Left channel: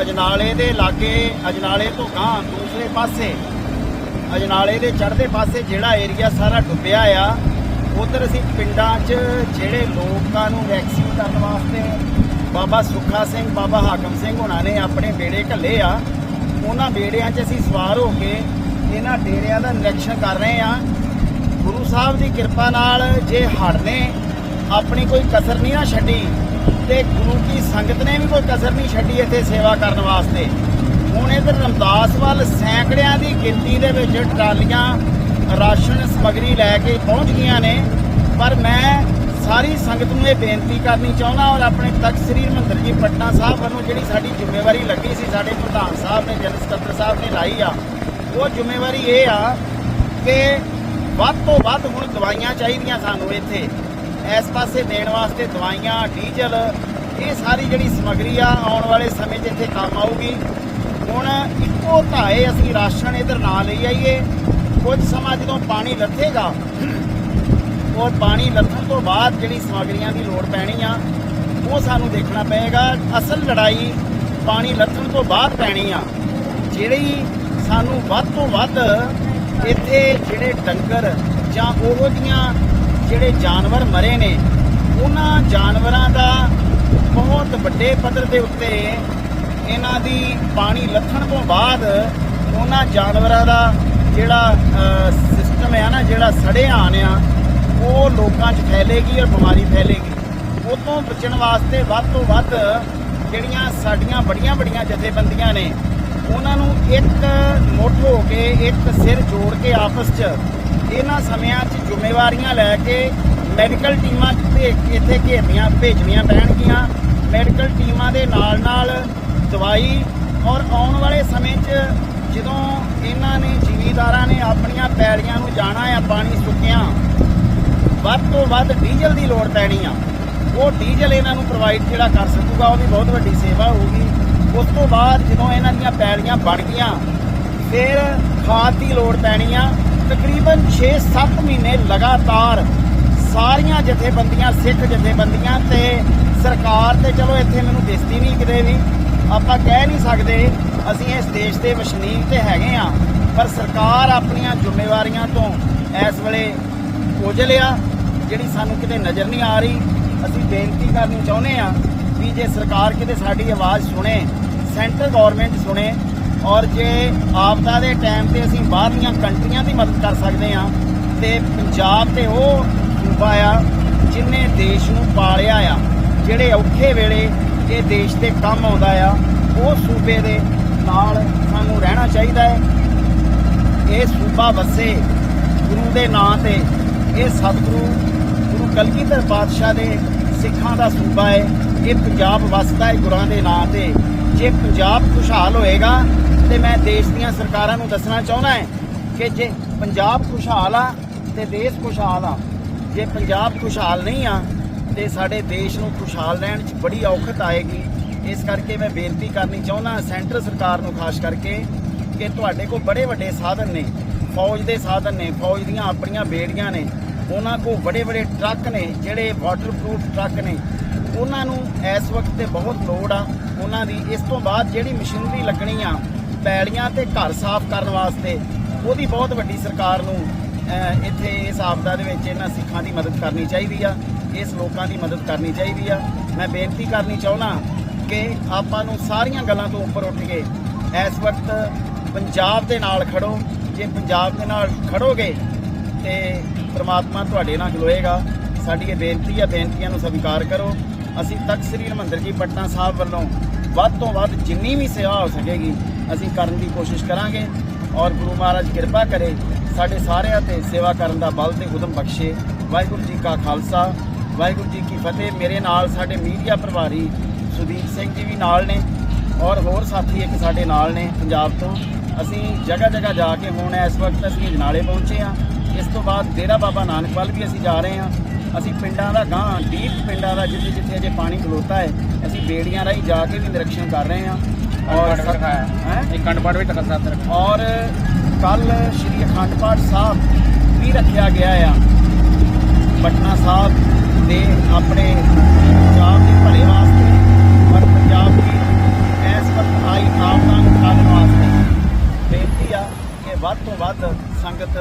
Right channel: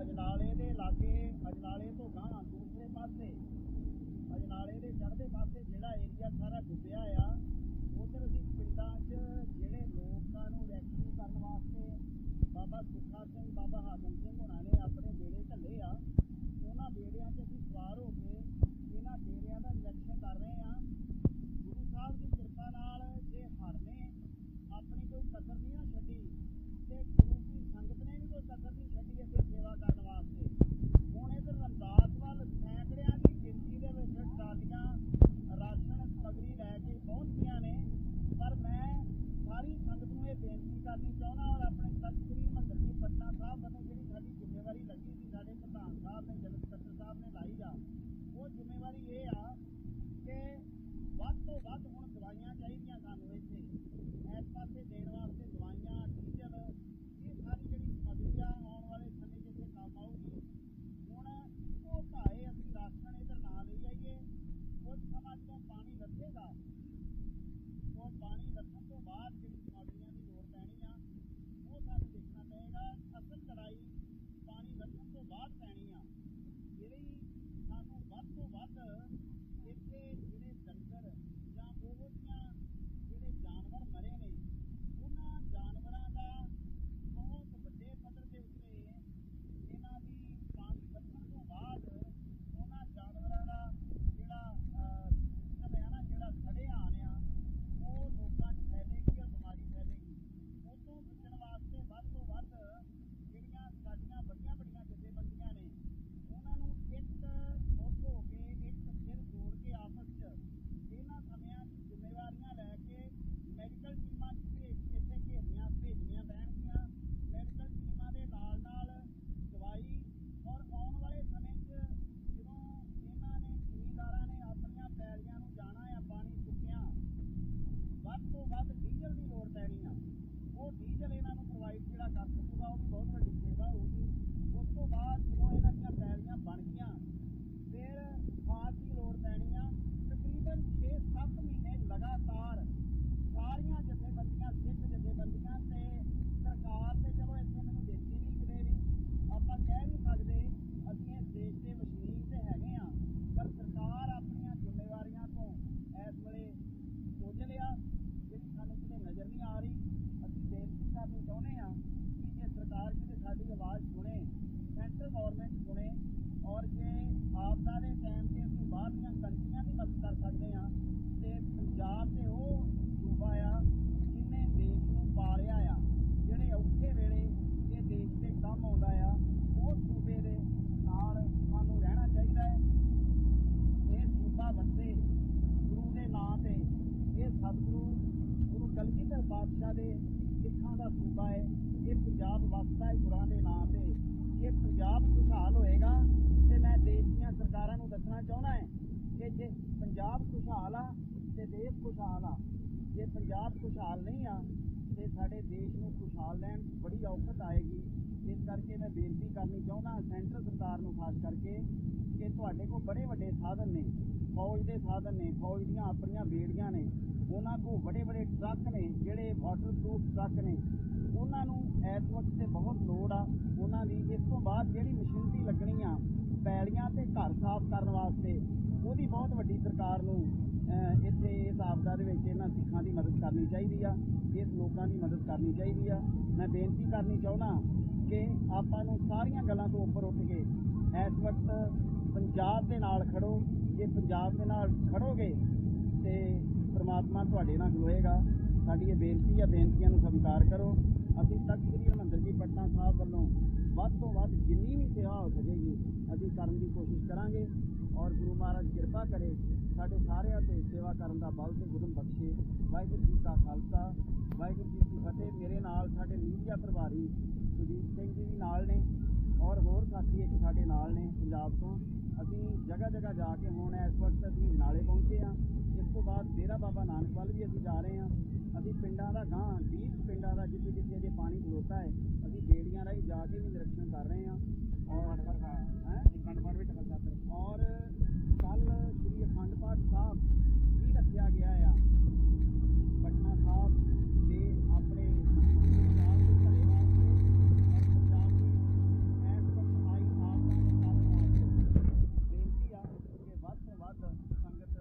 ਅਜਨਾਲੇ ਦੇ ਲਾਗੇ, ਅਜਨਾਲੇ ਤੋਂ ਗਾਂ ਦੂਸਰੇ ਪਾਸੇ, ਅਜਨਾਲੇ ਦੇ ਚੜ੍ਹਦੇ ਪਾਸੇ ਜਿਹੜਾ ਏਰੀਆ ਸਾਰਾ ਡੁੱਬਿਆ ਆ, ਉਧਰ ਅਸੀਂ ਪਿੰਡਾਂ 'ਚ ਜਿਹੜੇ ਲੋਕਾਂ ਨੂੰ ਵੈਕਸੀਨ ਕਰਨ ਵਾਸਤੇ ਬਾਬਾ ਸੁੱਖਾ ਸਿੰਘ, ਬਾਬਾ ਹਾਕਮ ਸਿੰਘ ਹੋਣਾ ਨੇ ਆਪਣੇ ਬੇੜੇ ਘੱਲੇ ਆ, ਉਹਨਾਂ ਬੇੜਿਆਂ 'ਚ ਅਸੀਂ ਸਵਾਰ ਹੋ ਕੇ ਇਹਨਾਂ ਡੇਰਿਆਂ ਦਾ ਨਿਰੀਖਣ ਕਰ ਰਹੇ ਆ ਗੁਰੂ ਸਾਹਿਬ ਦੀ ਕਿਰਪਾ ਨਾਲ ਜੇ ਹੜਨੇ ਆਪਣੀ ਕੋਈ ਕਸਰ ਨਹੀਂ ਨਾ ਛੱਡੀ ਤੇ ਗੁਰੂ ਕੀ ਸੰਗਤ ਨੇ ਵੀ ਕੋਈ ਕਸਰ ਨਹੀਂ ਛੱਡੀ ਇੱਥੇ ਸੇਵਾ ਕਰਨ ਵਾਸਤੇ। ਹੁਣ ਇਧਰ ਰਮਦਾਸ ਵੱਲ ਸੈਂਕੜਿਆਂ ਦੀ ਗਿਣਤੀ ਦੇ ਵਿੱਚ ਟਰਾਲੀਆਂ ਰਾਸ਼ਨ ਸਮਗਰੀ ਲੈ ਕੇ ਪਹੁੰਚ ਗਈਆਂ ਨੇ। ਪਰ ਮੈਂ ਸਾਰੀ ਸੰਗਤ ਨੂੰ ਇਹ ਬੇਨਤੀ ਕਰਨੀ ਚਾਹੁੰਦਾ ਔਰ ਆਪਣੇ ਤਖਤ ਸ੍ਰੀ ਹਰਿਮੰਦਰ ਜੀ ਪਟਨਾ ਸਾਹਿਬ ਵੱਲੋਂ ਜਿਹੜੀ ਸਾਡੀ ਜ਼ਿੰਮੇਵਾਰੀ ਲੱਗੀ ਸੀ, ਸਾਡੇ ਪ੍ਰਧਾਨ ਸਾਹਿਬ ਨੇ, ਜਨਰਲ ਸਕੱਤਰ ਸਾਹਿਬ ਨੇ ਲਾਈ ਆ, ਉਹ ਜ਼ਿੰਮੇਵਾਰੀ ਇਹ ਆ ਕਿ ਵੱਧ ਤੋਂ ਵੱਧ ਹੁਣ ਦਵਾਈਆਂ ਚਾਹੀਦੀਆਂ ਸਾਨੂੰ ਇੱਥੇ। ਇਸ ਪਾਸੇ ਦੇਣ ਵਾਸਤੇ ਦਵਾਈਆਂ, ਡੀਜ਼ਲ, ਇਹ ਸਾਰੀ ਜਿਹੜੀ ਸਮਗਰੀ ਆ, ਆਉਣ ਵਾਲੇ ਸਮੇਂ 'ਚ ਇੱਥੇ ਕੰਮ ਆਊਗੀ। ਹੁਣ ਇੱਕੋ ਧਾਏ ਅਸੀਂ ਰਾਸ਼ਨ ਇਧਰ ਨਾ ਲਈ ਆਈਏ। ਕੁਝ ਸਮਾਂ ਜਦੋਂ ਪਾਣੀ ਲੱਥੇਗਾ ਔਰ ਪਾਣੀ ਲੱਥਣ ਤੋਂ ਬਾਅਦ ਜਿਹੜੀ ਸਮਗਰੀਆਂ ਦੀ ਲੋੜ ਪੈਣੀ ਆ, ਉਹ ਸਾਨੂੰ ਦੇਖਣਾ ਪਏਗਾ। ਅਸਲ ਲੜਾਈ ਪਾਣੀ ਲੱਥਣ ਤੋਂ ਬਾਅਦ ਪੈਣੀ ਆ। ਜਿਹੜੀ ਸਾਨੂੰ ਵੱਧ ਤੋਂ ਵੱਧ ਇੱਥੇ ਜਿਹੜੇ ਡੰਗਰ ਜਾਂ ਉਹੋ ਜੀਆਂ ਜਿਹੜੇ ਜਾਨਵਰ ਮਰੇ ਨੇ, ਉਹਨਾਂ ਜਾਨਵਰਾਂ ਦਾ ਬਹੁਤ ਵੱਡੇ ਪੱਧਰ ਦੇ ਉੱਤੇ ਇਹਨਾਂ ਦੀ ਪਾਣੀ ਲੱਥਣ ਤੋਂ ਬਾਅਦ ਉਹਨਾਂ ਜਾਨਵਰਾਂ ਦਾ ਜਿਹੜਾ ਸਿਸਟਮ ਹੈ ਨਾ, ਜਿਹੜਾ ਸੜੇ ਸੜਿਆ ਆ, ਉਹ ਲੋਕਾਂ 'ਚ ਫੈਲੇਗੀ ਔਰ ਬਿਮਾਰੀ ਫੈਲੇਗੀ। ਉਹ ਤੋਂ ਬਚਣ ਵਾਸਤੇ ਵੱਧ ਤੋਂ ਵੱਧ ਜਿਹੜੀਆਂ ਸਾਡੀਆਂ ਬੜੀਆਂ ਬੜੀਆਂ ਜਥੇਬੰਦੀਆਂ ਨੇ, ਉਹਨਾਂ ਨੂੰ ਇੱਕ ਮੁੱਠ ਹੋ ਕੇ, ਇੱਕ ਸਿਰ ਜੋੜ ਕੇ ਆਪਸ 'ਚ ਇਹਨਾਂ ਸਮਿਆਂ 'ਚ ਜ਼ਿੰਮੇਵਾਰੀਆਂ ਲੈ ਕੇ ਮੈਡੀਕਲ ਟੀਮਾਂ ਭੇਜ ਇੱਥੇ ਘੇਰਨੀਆਂ, ਭੇਜਣੀਆਂ ਪੈਣਗੀਆਂ। ਮੈਡੀਕਲ ਟੀਮਾਂ ਦੇ ਨਾਲ ਨਾਲ ਦਵਾਈ ਔਰ ਆਉਣ ਵਾਲੇ ਸਮੇਂ 'ਚ ਜਦੋਂ ਇਹਨਾਂ ਨੇ ਜ਼ਿਮੀਦਾਰਾਂ ਨੇ ਆਪਣੀਆਂ ਪੈੜੀਆਂ ਨੂੰ ਜਾਣਾ ਆ, ਪਾਣੀ ਸੁੱਕਿਆ, ਵੱਧ ਤੋਂ ਵੱਧ ਡੀਜ਼ਲ ਦੀ ਲੋੜ ਪੈਣੀ ਆ। ਉਹ ਡੀਜ਼ਲ ਇਹਨਾਂ ਨੂੰ ਪ੍ਰੋਵਾਈਡ ਜਿਹੜਾ ਕਰ ਸਕੂਗਾ ਉਹ ਵੀ ਬਹੁਤ ਵੱਡੀ ਸੇਵਾ ਹੋਊਗੀ। ਉਸ ਤੋਂ ਬਾਅਦ ਜਦੋਂ ਇਹਨਾਂ ਦੀਆਂ ਪੈੜੀਆਂ ਬਣ ਗਈਆਂ, ਫਿਰ ਖਾਦ ਦੀ ਲੋੜ ਪੈਣੀ ਆ। ਤਕਰੀਬਨ 6-7 ਮਹੀਨੇ ਲਗਾਤਾਰ ਸਾਰੀਆਂ ਜਥੇਬੰਦੀਆਂ, ਸਿੱਖ ਜਥੇਬੰਦੀਆਂ ਤੇ ਸਰਕਾਰ ਤੇ ਚਲੋ ਇੱਥੇ ਮੈਨੂੰ ਦਿਸਦੀ ਨਹੀਂ ਕਿਤੇ ਵੀ। ਆਪਾਂ ਕਹਿ ਨਹੀਂ ਸਕਦੇ, ਅਸੀਂ ਇਸ ਦੇਸ਼ ਦੇ ਵਸਨੀਕ ਤੇ ਹੈਗੇ ਆ ਪਰ ਸਰਕਾਰ ਆਪਣੀਆਂ ਜ਼ਿੰਮੇਵਾਰੀਆਂ ਤੋਂ ਇਸ ਵੇਲੇ ਕੋਝਲ ਆ, ਜਿਹੜੀ ਸਾਨੂੰ ਕਿਤੇ ਨਜ਼ਰ ਨਹੀਂ ਆ ਰਹੀ। ਅਸੀਂ ਬੇਨਤੀ ਕਰਨੀ ਚਾਹੁੰਦੇ ਆ ਵੀ ਜੇ ਸਰਕਾਰ ਕਿਤੇ ਸਾਡੀ ਆਵਾਜ਼ ਸੁਣੇ, ਸੈਂਟਰ ਗਵਰਨਮੈਂਟ ਸੁਣੇ ਔਰ ਜੇ ਆਪਦਾ ਦੇ ਟਾਈਮ ਤੇ ਅਸੀਂ ਬਾਹਰਲੀਆਂ ਕੰਟਰੀਆਂ ਦੀ ਮਦਦ ਕਰ ਸਕਦੇ ਆ ਤੇ ਪੰਜਾਬ ਤੇ ਉਹ ਸੂਬਾ ਆ ਜਿਨੇ ਦੇਸ਼ ਨੂੰ ਪਾਲਿਆ ਆ, ਜਿਹੜੇ ਔਖੇ ਵੇਲੇ ਇਹ ਦੇਸ਼ ਤੇ ਕੰਮ ਆਉਂਦਾ ਆ, ਉਹ ਸੂਬੇ ਦੇ ਨਾਲ ਸਾਨੂੰ ਰਹਿਣਾ ਚਾਹੀਦਾ ਹੈ। ਇਹ ਸੂਬਾ ਵਸੇ ਗੁਰੂ ਦੇ ਨਾਂ ਤੇ, ਇਹ ਸਤਿਗੁਰੂ ਗੁਰੂ ਕਲਗੀਧਰ ਪਾਤਸ਼ਾਹ ਦੇ ਸਿੱਖਾਂ ਦਾ ਸੂਬਾ ਹੈ। ਇਹ ਪੰਜਾਬ ਵਸਦਾ ਹੈ ਗੁਰਾਂ ਦੇ ਨਾਂ ਤੇ। ਜੇ ਪੰਜਾਬ ਖੁਸ਼ਹਾਲ ਹੋਏਗਾ ਤੇ ਮੈਂ ਦੇਸ਼ ਦੀਆਂ ਸਰਕਾਰਾਂ ਨੂੰ ਦੱਸਣਾ ਚਾਹੁੰਦਾ ਹੈ ਕਿ ਜੇ ਪੰਜਾਬ ਖੁਸ਼ਹਾਲ ਆ ਤੇ ਦੇਸ਼ ਖੁਸ਼ਹਾਲ ਆ, ਜੇ ਪੰਜਾਬ ਖੁਸ਼ਹਾਲ ਨਹੀਂ ਆ ਤੇ ਸਾਡੇ ਦੇਸ਼ ਨੂੰ ਖੁਸ਼ਹਾਲ ਰਹਿਣ 'ਚ ਬੜੀ ਔਖਤ ਆਏਗੀ। ਇਸ ਕਰਕੇ ਮੈਂ ਬੇਨਤੀ ਕਰਨੀ ਚਾਹੁੰਦਾ ਸੈਂਟਰ ਸਰਕਾਰ ਨੂੰ ਖਾਸ ਕਰਕੇ ਕਿ ਤੁਹਾਡੇ ਕੋਲ ਬੜੇ ਵੱਡੇ ਸਾਧਨ ਨੇ, ਫੌਜ ਦੇ ਸਾਧਨ ਨੇ, ਫੌਜ ਦੀਆਂ ਆਪਣੀਆਂ ਬੇੜੀਆਂ ਨੇ ਉਹਨਾਂ ਕੋਲ ਬੜੇ ਬੜੇ ਟਰੱਕ ਨੇ, ਜਿਹੜੇ ਵਾਟਰਪ੍ਰੂਫ ਟਰੱਕ ਨੇ। ਉਹਨਾਂ ਨੂੰ ਇਸ ਵਕਤ ਤੇ ਬਹੁਤ ਲੋੜ ਆ। ਉਹਨਾਂ ਦੀ ਇਸ ਤੋਂ ਬਾਅਦ ਜਿਹੜੀ ਮਸ਼ੀਨਰੀ ਲੱਗਣੀ ਆ ਪੈਲੀਆਂ ਤੇ ਘਰ ਸਾਫ਼ ਕਰਨ ਵਾਸਤੇ, ਉਹਦੀ ਬਹੁਤ ਵੱਡੀ ਸਰਕਾਰ ਨੂੰ ਇੱਥੇ ਇਸ ਆਪਦਾ ਦੇ ਵਿੱਚ ਇਹਨਾਂ ਸਿੱਖਾਂ ਦੀ ਮਦਦ ਕਰਨੀ ਚਾਹੀਦੀ ਆ। ਇਸ ਲੋਕਾਂ ਦੀ ਮਦਦ ਕਰਨੀ ਚਾਹੀਦੀ ਆ। ਮੈਂ ਬੇਨਤੀ ਕਰਨੀ ਚਾਹੁੰਦਾ ਕਿ ਆਪਾਂ ਨੂੰ ਸਾਰੀਆਂ ਗੱਲਾਂ ਤੋਂ ਉੱਪਰ ਉੱਠ ਕੇ ਇਸ ਵਕਤ ਪੰਜਾਬ ਦੇ ਨਾਲ ਖੜੋ। ਜੇ ਪੰਜਾਬ ਦੇ ਨਾਲ ਖੜੋਗੇ ਤੇ ਪ੍ਰਮਾਤਮਾ ਤੁਹਾਡੇ ਨਾਲ ਖਲੋਏਗਾ। ਸਾਡੀ ਇਹ ਬੇਨਤੀ ਹੈ ਬੇਨਤੀਆਂ ਨੂੰ ਸਵੀਕਾਰ ਕਰੋ। ਅਸੀਂ ਤਖਤ ਸ੍ਰੀ ਹਰਿਮੰਦਰ ਜੀ ਪਟਨਾ ਸਾਹਿਬ ਵੱਲੋਂ ਵੱਧ ਤੋਂ ਵੱਧ ਜਿੰਨੀ ਵੀ ਸੇਵਾ ਹੋ ਸਕੇਗੀ, ਅਸੀਂ ਕਰਨ ਦੀ ਕੋਸ਼ਿਸ਼ ਕਰਾਂਗੇ ਔਰ ਗੁਰੂ ਮਹਾਰਾਜ ਕਿਰਪਾ ਕਰੇ ਸਾਡੇ ਸਾਰਿਆਂ ਤੇ ਸੇਵਾ ਕਰਨ ਦਾ ਬਲ ਤੇ ਉਦਮ ਬਖਸ਼ੇ। ਵਾਹਿਗੁਰੂ ਜੀ ਕਾ ਖਾਲਸਾ, ਵਾਹਿਗੁਰੂ ਜੀ ਕੀ ਫਤਿਹ। ਮੇਰੇ ਨਾਲ ਸਾਡੇ ਮੀਡੀਆ ਪ੍ਰਭਾਰੀ ਸੁਦੀਪ ਸਿੰਘ ਜੀ ਵੀ ਨਾਲ ਨੇ ਔਰ ਹੋਰ ਸਾਥੀ ਇੱਕ ਸਾਡੇ ਨਾਲ ਨੇ ਪੰਜਾਬ ਤੋਂ। ਅਸੀਂ ਜਗ੍ਹਾ ਜਗ੍ਹਾ ਜਾ ਕੇ ਹੁਣ ਇਸ ਵਕਤ ਅਸੀਂ ਜਨਾਲੇ ਪਹੁੰਚੇ ਆ ਇਸ ਤੋਂ ਬਾਅਦ ਡੇਰਾ ਬਾਬਾ ਨਾਨਕ ਵੱਲ ਵੀ ਅਸੀਂ ਜਾ ਰਹੇ ਹਾਂ। ਅਸੀਂ ਪਿੰਡਾਂ ਦਾ ਗਾਂ ਡੀਪ ਪਿੰਡਾਂ ਦਾ ਜਿੱਥੇ ਜਿੱਥੇ ਅਜੇ ਪਾਣੀ ਖਲੋਤਾ ਹੈ ਅਸੀਂ ਬੇੜੀਆਂ ਰਾਹੀਂ ਜਾ ਕੇ ਵੀ ਨਿਰੀਖਣ ਕਰ ਰਹੇ ਹਾਂ। ਔਰ ਹੈ? ਇੱਕ ਕੰਡਪਾੜ ਵੀ ਤੱਕ ਸਾਥ ਔਰ ਕੱਲ ਸ਼੍ਰੀ ਅਖੰਡ ਪਾਠ ਸਾਹਿਬ ਵੀ ਰੱਖਿਆ ਗਿਆ ਆ। ਪਟਨਾ ਸਾਹਿਬ ਦੇ ਆਪਣੇ ਪੰਜਾਬ ਦੇ ਭਲੇ ਵਾਸਤੇ ਔਰ ਪੰਜਾਬ ਦੀ ਇਸ ਵਕਤ ਆਈ ਆਮ ਨਾਲ ਉਠਾਉਣ ਵਾਸਤੇ ਬੇਨਤੀ ਆ ਕਿ ਵੱਧ ਤੋਂ ਵੱਧ ਸੰਗਤ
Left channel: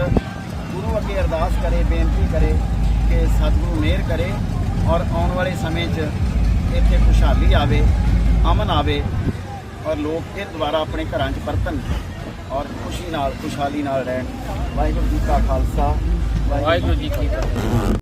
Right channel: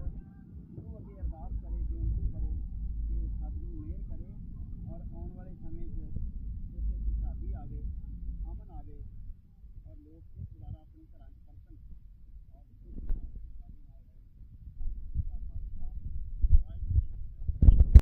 ਗੁਰੂ ਅੱਗੇ ਅਰਦਾਸ ਕਰੇ, ਬੇਨਤੀ ਕਰੇ ਕਿ ਸਤਿਗੁਰੂ ਮਿਹਰ ਕਰੇ ਔਰ ਆਉਣ ਵਾਲੇ ਸਮੇਂ 'ਚ ਇੱਥੇ ਖੁਸ਼ਹਾਲੀ ਆਵੇ, ਅਮਨ ਆਵੇ ਔਰ ਲੋਕ ਇਹ ਦੁਬਾਰਾ ਆਪਣੇ ਘਰਾਂ 'ਚ ਪਰਤਣ ਔਰ ਖੁਸ਼ੀ ਨਾਲ, ਖੁਸ਼ਹਾਲੀ ਨਾਲ ਰਹਿਣ। ਵਾਹਿਗੁਰੂ ਜੀ ਕਾ ਖਾਲਸਾ, ਵਾਹਿਗੁਰੂ ਜੀ ਕੀ ਫਤਿਹ।